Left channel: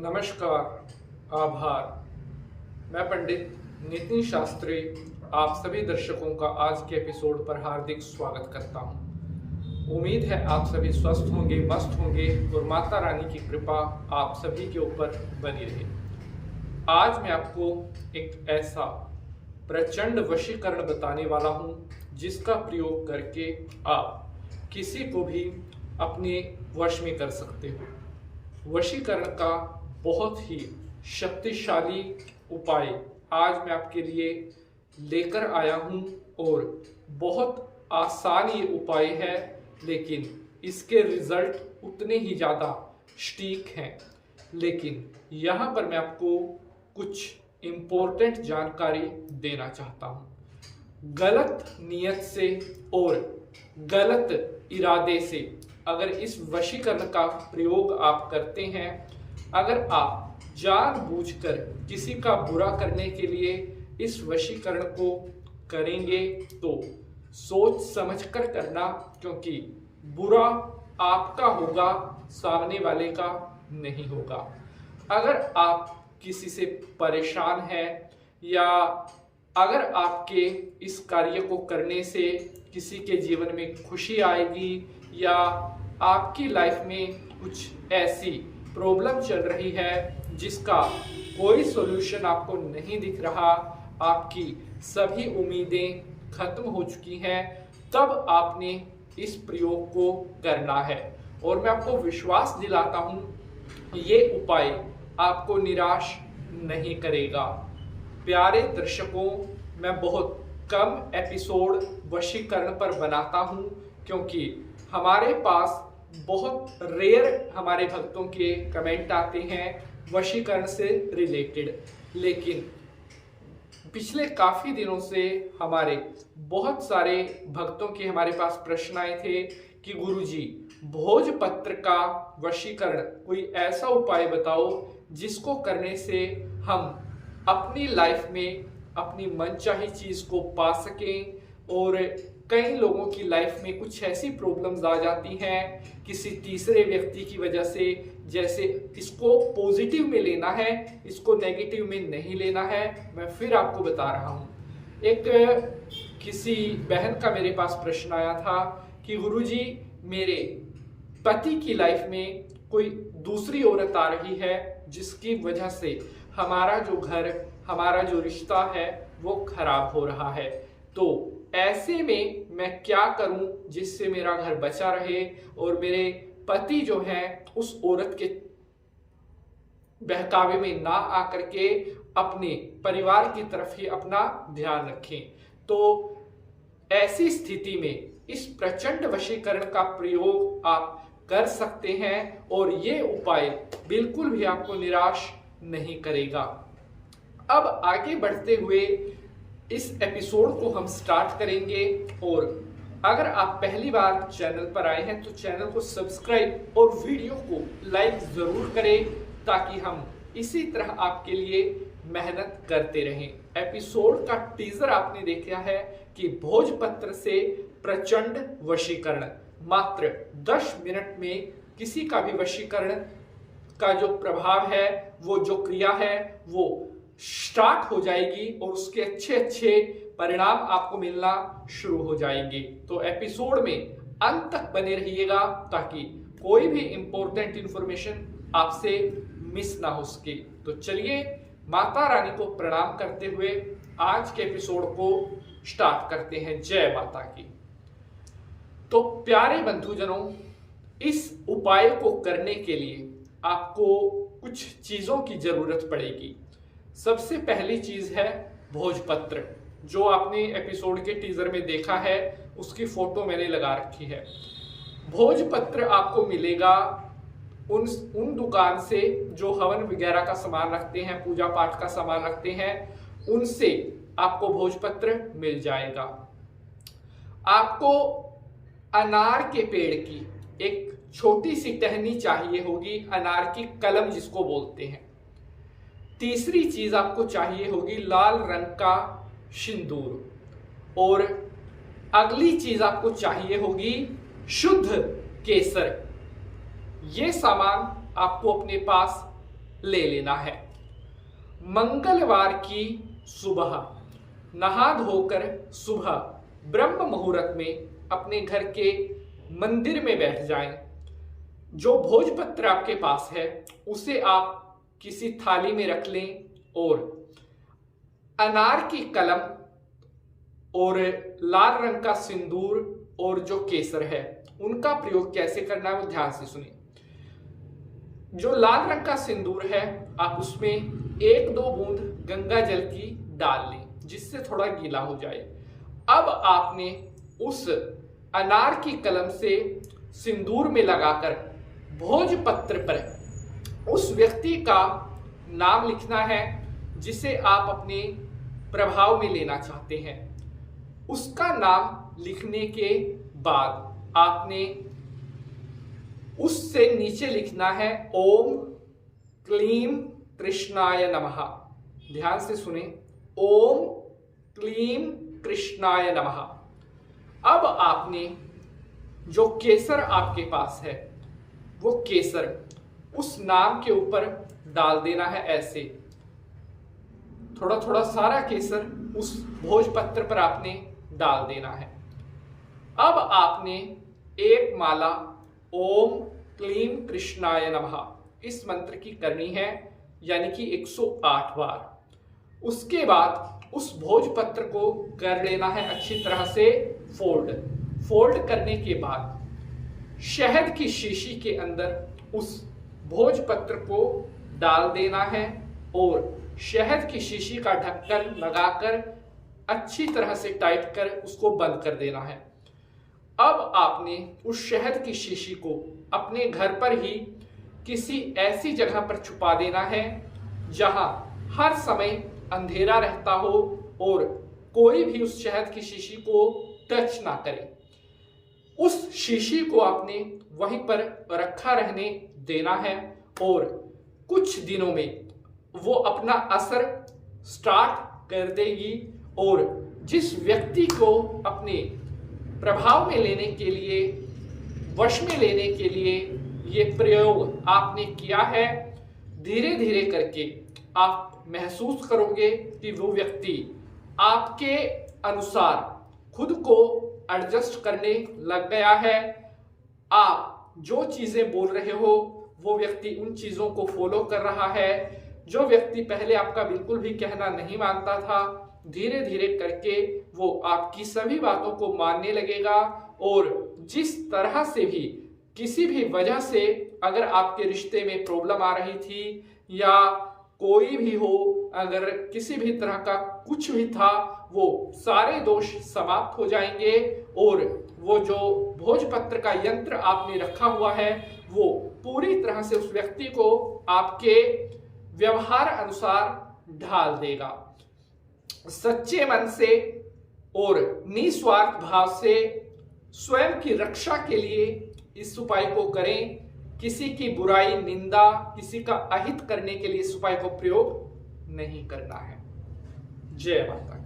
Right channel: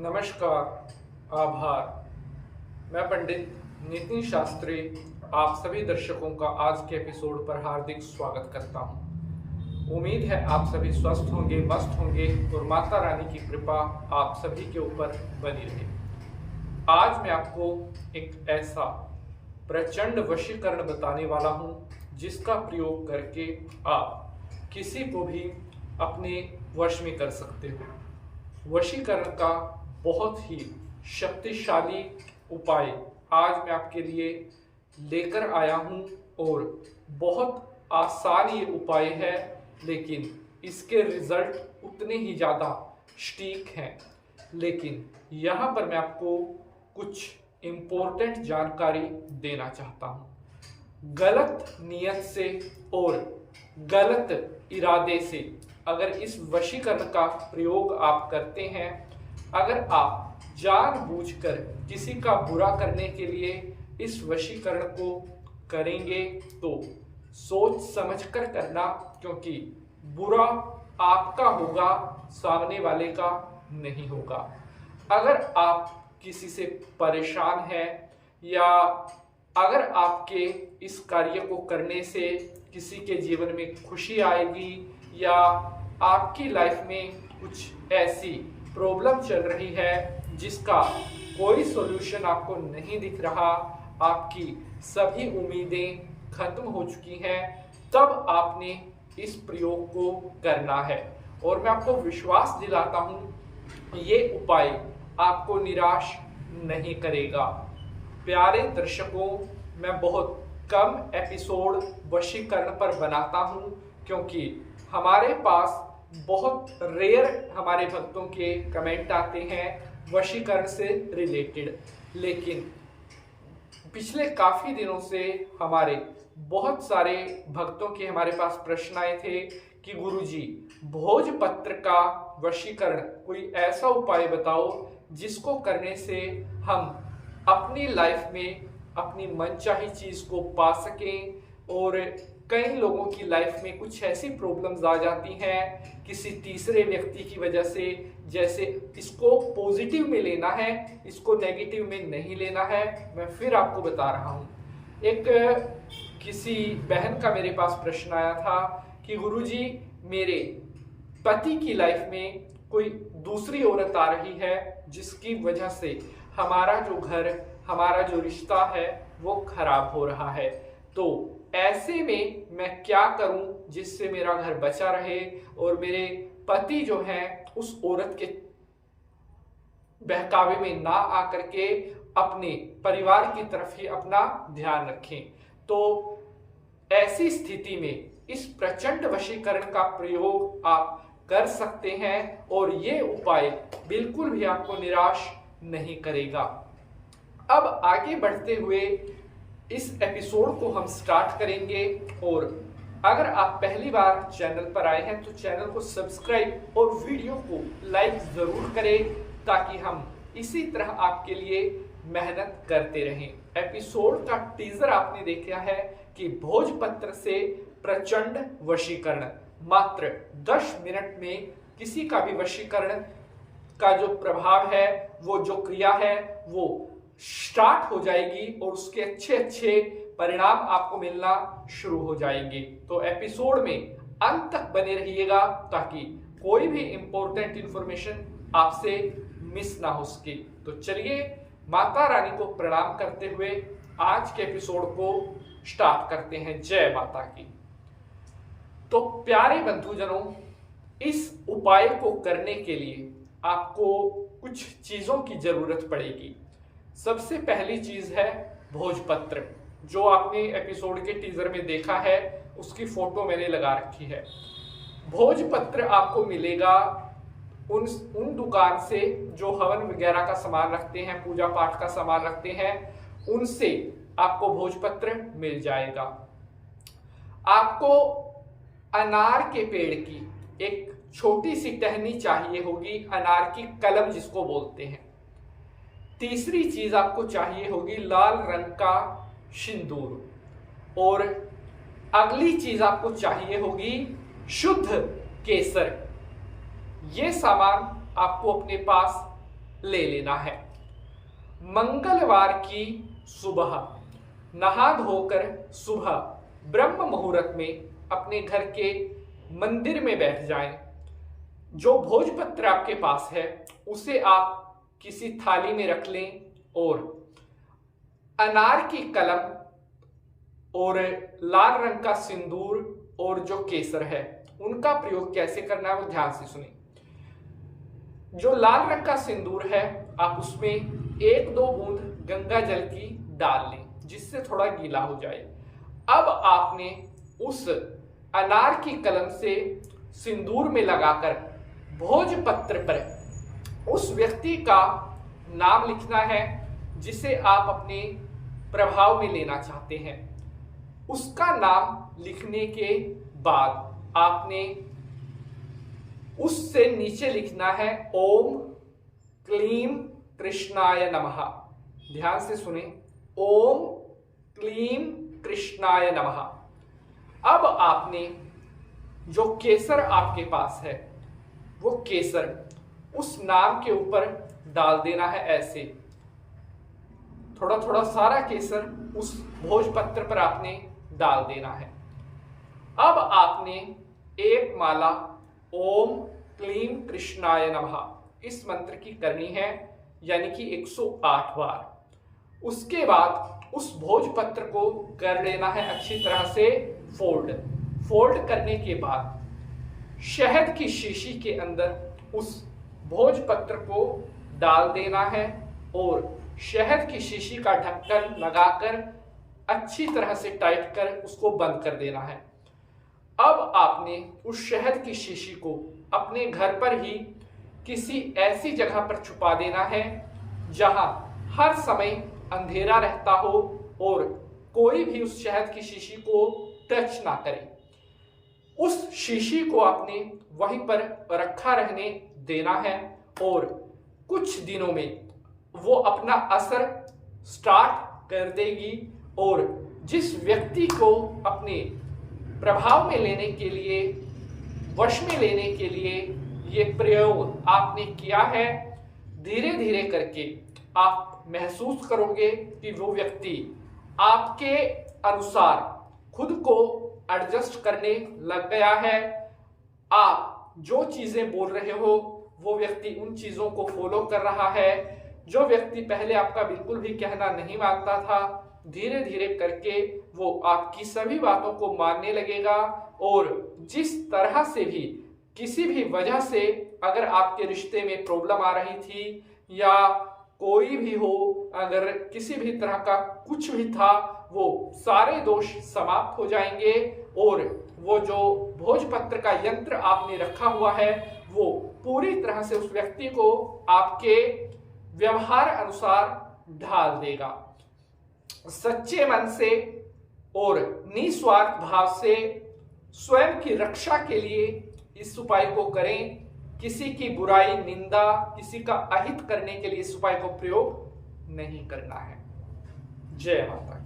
नमस्कार, आभार। मैं पंडित नितिन शास्त्री आप सभी दर्शकों का आज के एपिसोड पर हार्दिक स्वागत करता हूं। उम्मीद है आप सभी स्वस्थ होंगे, मस्त होंगे और माता रानी की कृपा आप सभी के ऊपर बनी रहे। आज मैं आपको एक ऐसा प्रचंड वशीकरण बताने वाला हूं जिसका प्रयोग करके आप किसी को भी अपने वश में कर सकते हो। वशीकरण का बहुत ही शक्तिशाली उपाय आज मैं आपके लिए लेकर आया हूं और बहुत आसान ये उपाय है, लेकिन इसके रिजल्ट उतने ही ज़्यादा सटीक हैं। लेकिन यहाँ पर मैं आपको कुछ इम्पोर्टेंट जानकारी देना चाहता हूँ। गलत नियत से और गलत इरादे से अगर इस वशीकरण का प्रयोग आप करते हैं, अगर आप जानबूझकर किसी का बुरा करने के लिए इस वशीकरण को करेंगे तो सोच समझकर करना, क्योंकि बुरा आपका होगा, सामने वाले का नहीं होगा। अगर आप किसी से परेशान हैं या अगर आपके इस कार्य को करने से किसी के जीवन में खुशी आएगी या आपकी लाइफ में कुछ ऐसी प्रॉब्लम चल रही है जिसका कोई सॉल्यूशन आपको नहीं दिख रहा, आपकी सभी उम्मीदें खत्म हो चुकी हैं, तब आपने इस प्रयोग को करना है। और मैं आपको विश्वास दिलाता हूं ये उपाय आपको निराश नहीं करेगा। प्यारे दर्शकों, मैं बहुत कम एपिसोड वशीकरण पर बनाता हूं क्योंकि हमारे पास बहुत रेयर हमारे भक्तों के कमेंट आते हैं वशीकरण से रिलेटेड। लेकिन पिछले काफ़ी दिनों से हमारे बहुत सारे भक्तों के हमारे पास प्रश्न आए थे कि गुरुजी, भोजपत्र का वशीकरण कोई ऐसा उपाय बताओ जिसको करने से हम अपनी लाइफ में अपनी मनचाही चीज़ को पा सकें। और कई लोगों की लाइफ में कुछ ऐसी प्रॉब्लम्स आ जाती हैं किसी तीसरे व्यक्ति की वजह से, जैसे इसको पॉजिटिव में लेना है, इसको नेगेटिव में नहीं लेना है। मैं फिर आपको बता रहा हूँ। एक किसी बहन का मेरे पास प्रश्न आया था कि गुरुजी, मेरे पति की लाइफ में कोई दूसरी औरत आ रही है जिसकी वजह से हमारा जो घर, हमारा जो रिश्ता है वो खराब हो रहा है, तो ऐसे में मैं क्या करूं जिससे मेरा घर बचा रहे और मेरे पति जो हैं उस औरत के बहकावे में ना आकर के अपने परिवार की तरफ ही अपना ध्यान रखें। तो ऐसी स्थिति में इस प्रचंड वशीकरण का प्रयोग आप कर सकते हैं और ये उपाय बिल्कुल भी आपको निराश नहीं करेगा। अब आगे बढ़ते हुए इस एपिसोड को हम स्टार्ट करेंगे, और अगर आप पहली बार चैनल पर आए हैं तो चैनल को सब्सक्राइब और वीडियो को लाइक जरूर करें ताकि हम इसी तरह आपके लिए मेहनत करते रहें। एपिसोड का टीजर आपने देखा है कि भोजपत्र से प्रचंड वशीकरण, मात्र 10 मिनट में किसी का भी वशीकरण का जो प्रभाव है, वो जो क्रिया है वो स्टार्ट हो जाएगी और उसके अच्छे अच्छे परिणाम आपको मिलना शुरू हो जाएंगे। तो एपिसोड में अंत तक बने रहिएगा ताकि कोई भी इंपॉर्टेंट इंफॉर्मेशन आपसे मिस ना हो सके। तो चलिए, माता रानी को प्रणाम करते हुए आज के एपिसोड को स्टार्ट करते हैं। जय माता की। तो प्यारे बंधुजनों, इस उपाय को करने के लिए आपको कुछ चीजों की जरूरत पड़ेगी। सबसे पहली चीज है भोजपत्र, जो आपने एपिसोड के टीजर में देखा है, उसकी फोटो मैंने लगा रखी है। भोजपत्र आपको मिलेगा उन दुकान से जो हवन वगैरह का सामान रखते हैं, पूजा पाठ का सामान रखते हैं, उनसे आपको भोजपत्र मिल जाएगा। आपको अनार के पेड़ की एक छोटी सी टहनी चाहिए होगी, अनार की कलम जिसको बोलते हैं। तीसरी चीज आपको चाहिए होगी लाल रंग का सिंदूर, और अगली चीज आपको चाहिए होगी शुद्ध केसर। ये सामान आपको अपने पास ले लेना है। मंगलवार की सुबह नहा धोकर सुबह ब्रह्म मुहूर्त में अपने घर के मंदिर में बैठ जाएं। जो भोजपत्र आपके पास है उसे आप किसी थाली में रख लें और अनार की कलम और लाल रंग का सिंदूर और जो केसर है उनका प्रयोग कैसे करना है वो ध्यान से सुने। जो लाल रंग का सिंदूर है आप उसमें 1-2 बूंद गंगा जल की डाल लें जिससे थोड़ा गीला हो जाए। अब आपने उस अनार की कलम से सिंदूर में लगाकर भोजपत्र पर उस व्यक्ति का नाम लिखना है जिसे आप अपने प्रभाव में लेना चाहते हैं। उसका नाम लिखने के बाद आपने उससे नीचे लिखना है ओम क्लीम कृष्णाय नमः। ध्यान से सुने, ओम क्लीम कृष्णाय नमः। अब आपने जो केसर आपके पास है वो केसर उस नाम के ऊपर डाल देना है। ऐसे थोड़ा थोड़ा सारा केसर उस भोजपत्र पर आपने डाल देना है। अब आपने एक माला ओम क्लीम कृष्णाय नमः इस मंत्र की करनी है, यानी कि 108 बार। उसके बाद उस भोजपत्र को कर लेना है अच्छी तरह से फोल्ड करने के बाद शहद की शीशी के अंदर उस भोजपत्र को डाल देना है और शहद की शीशी का ढक्कन लगाकर अच्छी तरह से टाइट कर उसको बंद कर देना है। अब आपने उस शहद की शीशी को अपने घर पर ही किसी ऐसी जगह पर छुपा देना है जहां हर समय अंधेरा रहता हो और कोई भी उस शहद की शीशी को टच ना करे। उस शीशी को आपने वहीं पर रखा रहने देना है और कुछ दिनों में वो अपना असर स्टार्ट कर देगी और जिस व्यक्ति को अपने प्रभाव में लेने के लिए, वश में लेने के लिए ये प्रयोग आपने किया है, धीरे धीरे करके आप महसूस करोगे कि वो व्यक्ति आपके अनुसार खुद को एडजस्ट करने लग गया है। आप जो चीजें बोल रहे हो वो व्यक्ति उन चीजों को फॉलो कर रहा है। जो व्यक्ति पहले आपका बिल्कुल भी कहना नहीं मानता था, धीरे धीरे करके वो आपकी सभी बातों को मानने लगेगा और जिस तरह से भी किसी भी वजह से अगर आपके रिश्ते में प्रॉब्लम आ रही थी या कोई भी हो, अगर किसी भी तरह का कुछ भी था, वो सारे दोष समाप्त हो जाएंगे और वो जो भोजपत्र का यंत्र आपने रखा हुआ है वो पूरी तरह से उस व्यक्ति को आपके व्यवहार अनुसार ढाल देगा। सच्चे मन से और निस्वार्थ भाव से स्वयं की रक्षा के लिए इस उपाय को करें। किसी की बुराई, निंदा, किसी का अहित करने के लिए इस उपाय को प्रयोग नहीं करना है। जय माता।